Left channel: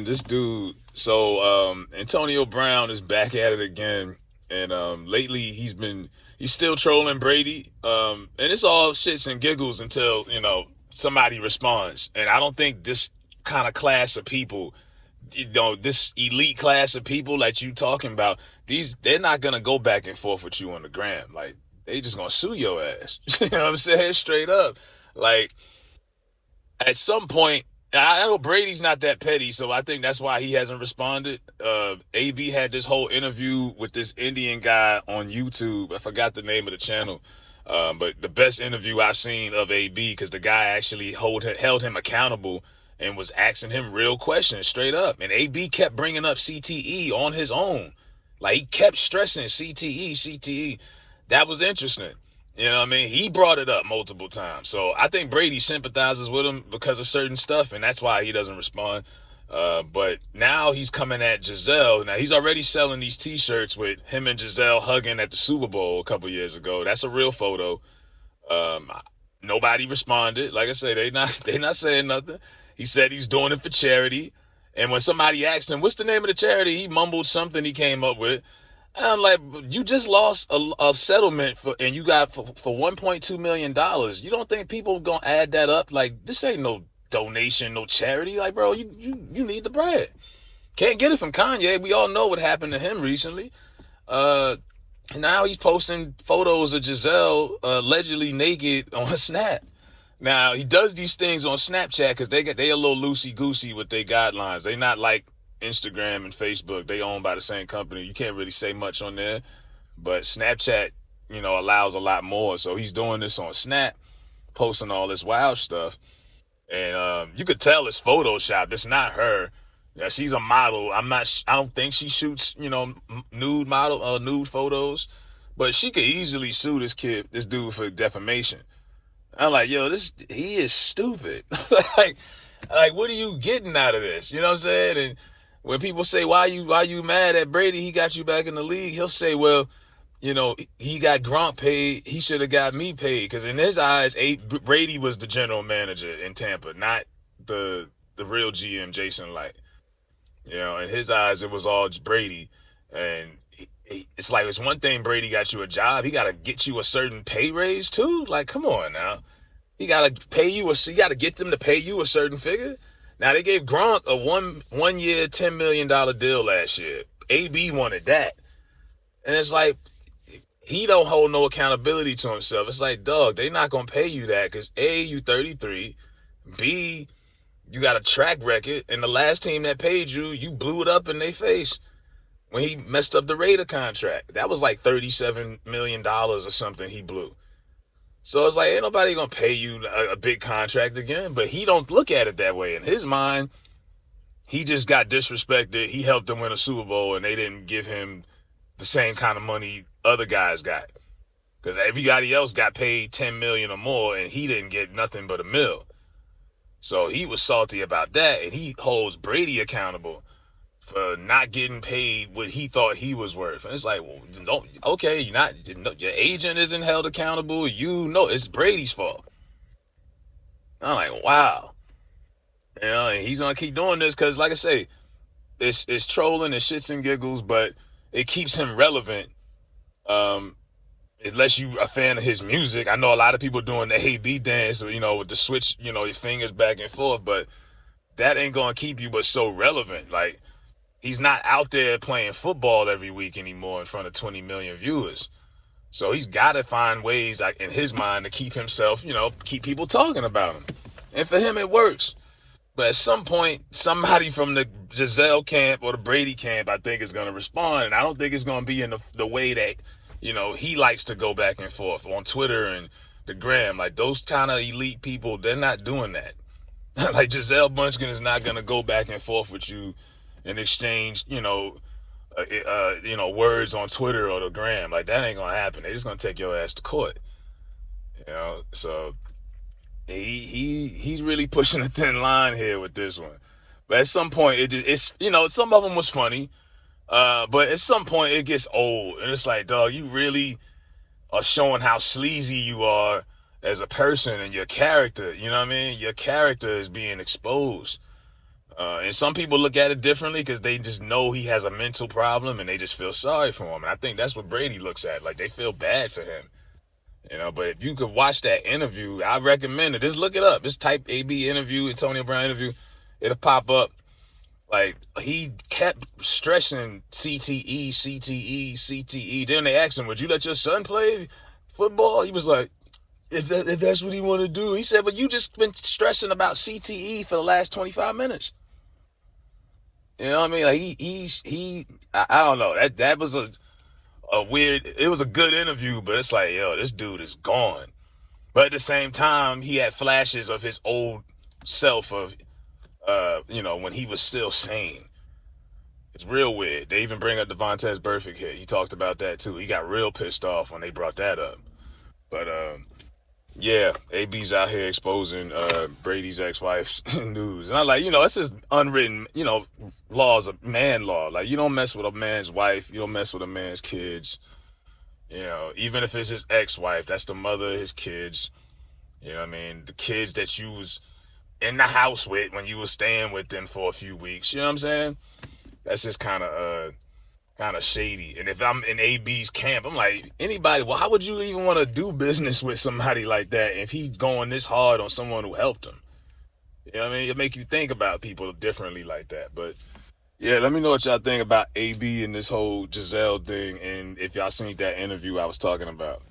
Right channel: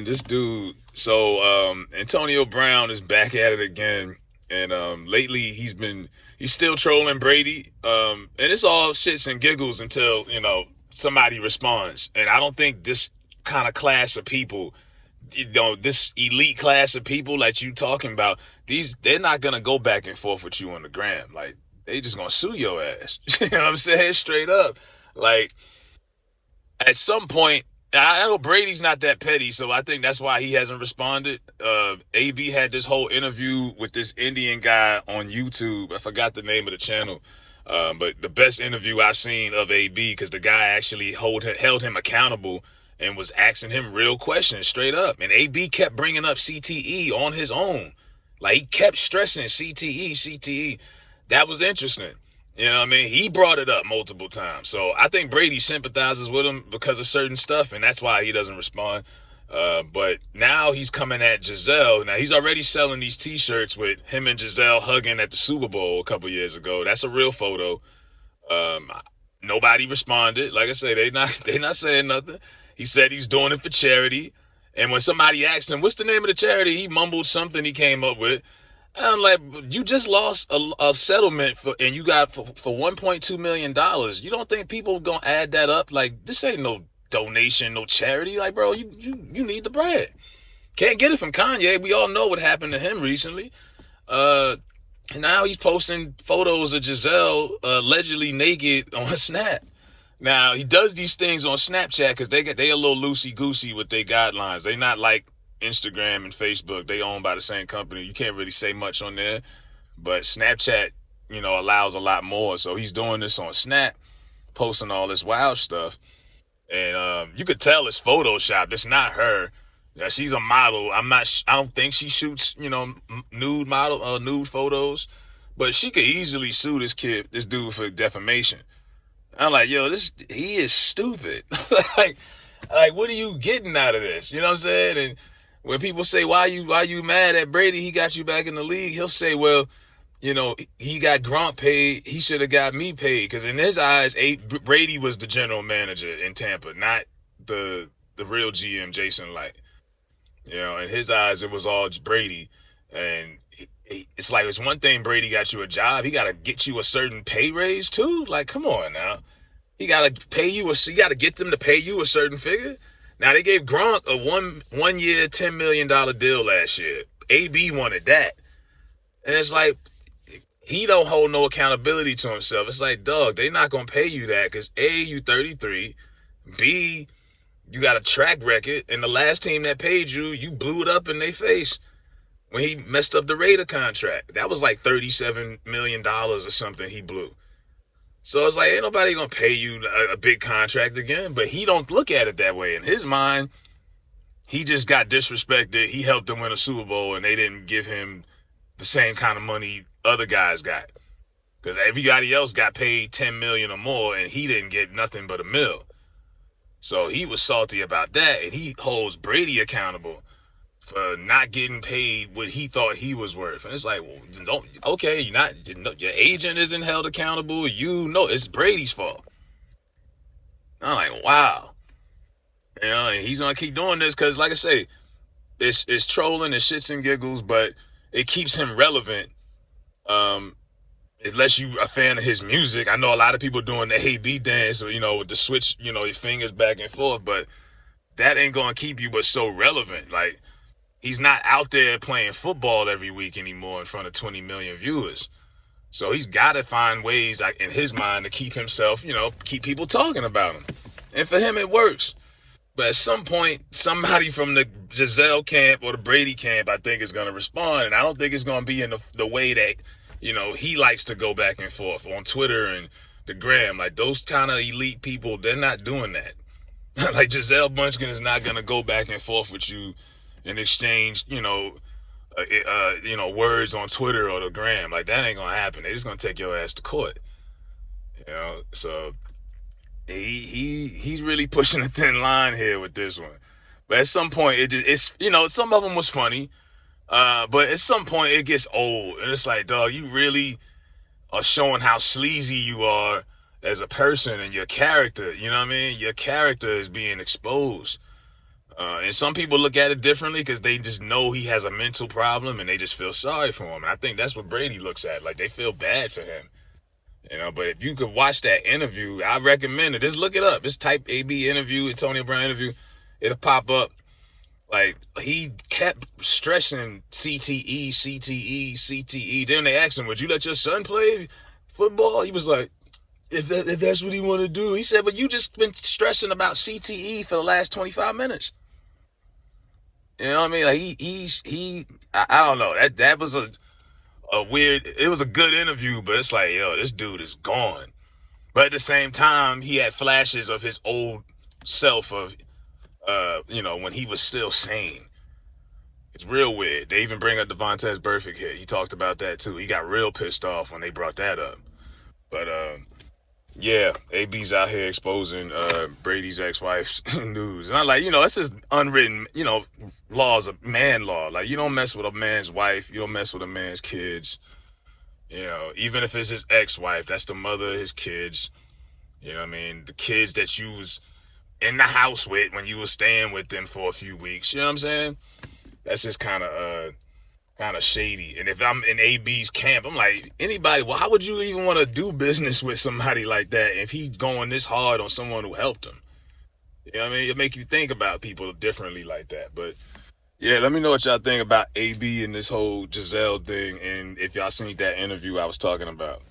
man. This dude. So Antonio Brown is back at it again, and lately he's still trolling Brady. And it's all shits and giggles until somebody responds. And I don't think this kind of class of people, this elite class of people like you talking about, they're not gonna go back and forth with you on the gram. Like, they just gonna sue your ass. You know what I'm saying? Straight up. Like, at some point, I know Brady's not that petty, so I think that's why he hasn't responded. AB had this whole interview with this Indian guy on YouTube. I forgot the name of the channel. But the best interview I've seen of AB, because the guy actually held him accountable and was asking him real questions straight up. And AB kept bringing up CTE on his own. Like, he kept stressing CTE. That was interesting. You know what I mean? He brought it up multiple times. So I think Brady sympathizes with him because of certain stuff, and that's why he doesn't respond. But now he's coming at Gisele. Now, he's already selling these T-shirts with him and Gisele hugging at the Super Bowl a couple years ago. That's a real photo. Nobody responded. Like I say, they not saying nothing. He said he's doing it for charity. And when somebody asked him, what's the name of the charity, he mumbled something he came up with. And I'm like, you just lost a settlement and you got for $1.2 million. You don't think people gonna add that up? Like, this ain't no donation, no charity. Like, bro, you need the bread. Can't get it from Kanye. We all know what happened to him recently. And now he's posting photos of Gisele allegedly naked on Snap. Now, he does these things on Snapchat because they a little loosey-goosey with their guidelines. They not like Instagram and Facebook. They owned by the same company. You can't really say much on there. But Snapchat, allows a lot more. So he's doing this on Snap, posting all this wild stuff. And you could tell it's Photoshopped. It's not her. Yeah, she's a model. I don't think she shoots, nude photos. But she could easily sue this dude for defamation. I'm like, yo, he is stupid. like, what are you getting out of this? You know what I'm saying? And when people say, why you mad at Brady? He got you back in the league. He'll say, well, he got Gronk paid. He should have got me paid. Because in his eyes, Brady was the general manager in Tampa, not the real GM, Jason Light. In his eyes, it was all Brady. And it's like, it's one thing Brady got you a job. He got to get you a certain pay raise too. Like, come on now. He got to pay you. You got to get them to pay you a certain figure. Now, they gave Gronk a one year, $10 million deal last year. AB wanted that. And it's like, he don't hold no accountability to himself. It's like, dog, they not going to pay you that because A, you 33. B, you got a track record. And the last team that paid you, you blew it up in their face. When he messed up the Raider contract, that was like $37 million or something he blew. So it's like, ain't nobody gonna pay you a big contract again. But he don't look at it that way. In his mind, he just got disrespected. He helped them win a Super Bowl, and they didn't give him the same kind of money other guys got. Because everybody else got paid $10 million or more, and he didn't get nothing but $1 million. So he was salty about that, and he holds Brady accountable for not getting paid what he thought he was worth. And it's like, well, your agent isn't held accountable. It's Brady's fault. I'm like, wow. And he's going to keep doing this because, like I say, it's trolling and shits and giggles, but it keeps him relevant. Unless you a fan of his music. I know a lot of people doing the hey B dance, with the switch, your fingers back and forth, but that ain't going to keep you but so relevant. Like, he's not out there playing football every week anymore in front of 20 million viewers. So he's got to find ways, like, in his mind, to keep himself, keep people talking about him. And for him, it works. But at some point, somebody from the Gisele camp or the Brady camp, I think, is going to respond. And I don't think it's going to be in the way that, he likes to go back and forth on Twitter and the gram. Like, those kind of elite people, they're not doing that. Like, Gisele Bündchen is not going to go back and forth with you and exchange, words on Twitter or the gram. Like, that ain't gonna happen. They just gonna take your ass to court. So he's really pushing a thin line here with this one. But at some point, some of them was funny, but at some point it gets old, and it's like, dog, you really are showing how sleazy you are as a person and your character. You know what I mean? Your character is being exposed. And some people look at it differently because they just know he has a mental problem and they just feel sorry for him. And I think that's what Brady looks at. Like, they feel bad for him. But if you could watch that interview, I recommend it. Just look it up. Just type AB interview, Antonio Brown interview. It'll pop up. Like, he kept stressing CTE, CTE, CTE. Then they asked him, would you let your son play football? He was like, if that's what he want to do. He said, but you just been stressing about CTE for the last 25 minutes. You know what I mean? Like, I don't know. That was a weird, it was a good interview, but it's like, yo, this dude is gone. But at the same time, he had flashes of his old self of, when he was still sane. It's real weird. They even bring up Devontae's perfect hit. He talked about that too. He got real pissed off when they brought that up. But yeah, AB's out here exposing Brady's ex-wife's news. And I'm like, it's just unwritten, laws of man law. Like, you don't mess with a man's wife. You don't mess with a man's kids. Even if it's his ex-wife, that's the mother of his kids. You know what I mean? The kids that you was in the house with when you was staying with them for a few weeks. You know what I'm saying? That's just kind of shady. And if I'm in AB's camp, I'm like, anybody, well, how would you even want to do business with somebody like that if he's going this hard on someone who helped him? You know what I mean? It make you think about people differently like that. But yeah, let me know what y'all think about AB and this whole Gisele thing, and if y'all seen that interview I was talking about.